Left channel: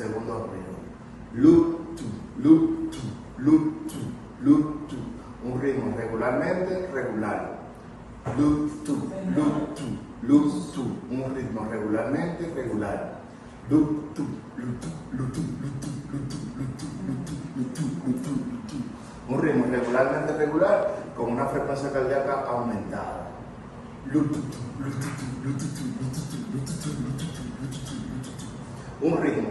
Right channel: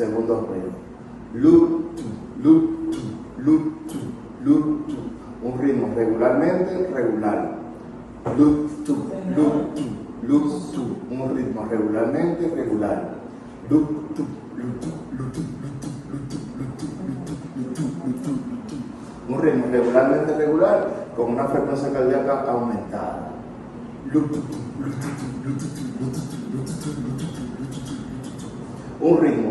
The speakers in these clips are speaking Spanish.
segundo ruido. Loop, tu, loop, tu, loop, tu, loop, tu. Un ritmo regularmente regular. Loop, tu, loop, tu, loop, tu. Un ritmo regularmente regular. Loop, tu, loop, tu, loop, tu, loop, tu, loop, tu, loop, tu, loop, tu, loop, tu, loop, tu, loop, tu. Un ritmo regularmente regular con una frecuencia cardíaca aumentada. Un ritmo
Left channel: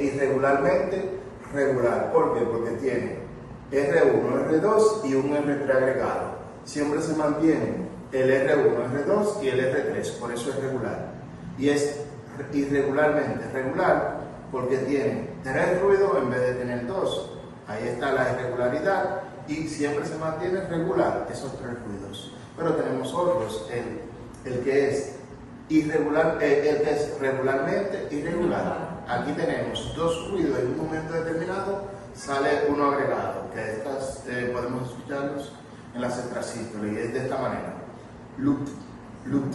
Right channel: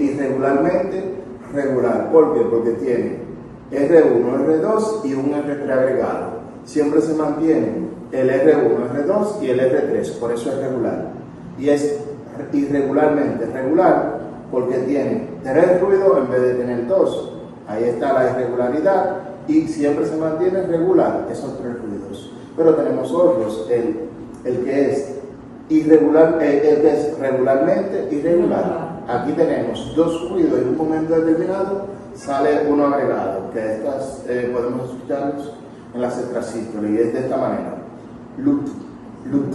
irregularmente regular. ¿Por qué? Porque tiene R1, R2 y un R3 agregado. Siempre se mantiene el R1, R2 y el R3, por eso es regular. Y es irregularmente regular porque tiene 3 ruidos en vez de tener 2. Ahí está la irregularidad y siempre se mantiene regular esos 3 ruidos. Pero tenemos otros, el que es irregular, el que es regularmente irregular. Aquí tenemos 2 ruidos y en un momento determinado sale uno agregado, que estas podemos escucharlos en las extrasístoles y es de esta manera. Loop, loop,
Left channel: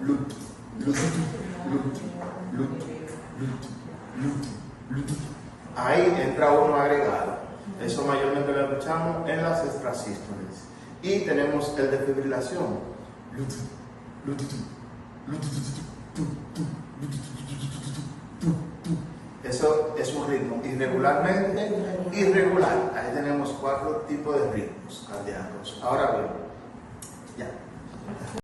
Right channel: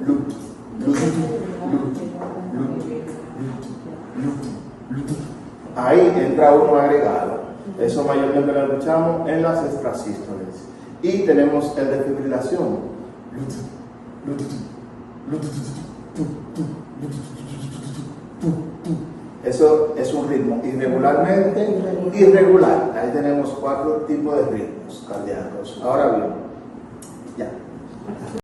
loop, loop, loop, loop, loop, loop. Ahí entra uno agregado. Eso mayormente lo escuchamos en las extrasístoles. Y tenemos el de fibrilación. Eso es un ritmo irregularmente irregular. Ahí tenemos 4 tipos de ritmos cardíacos. Ahora bien, ya.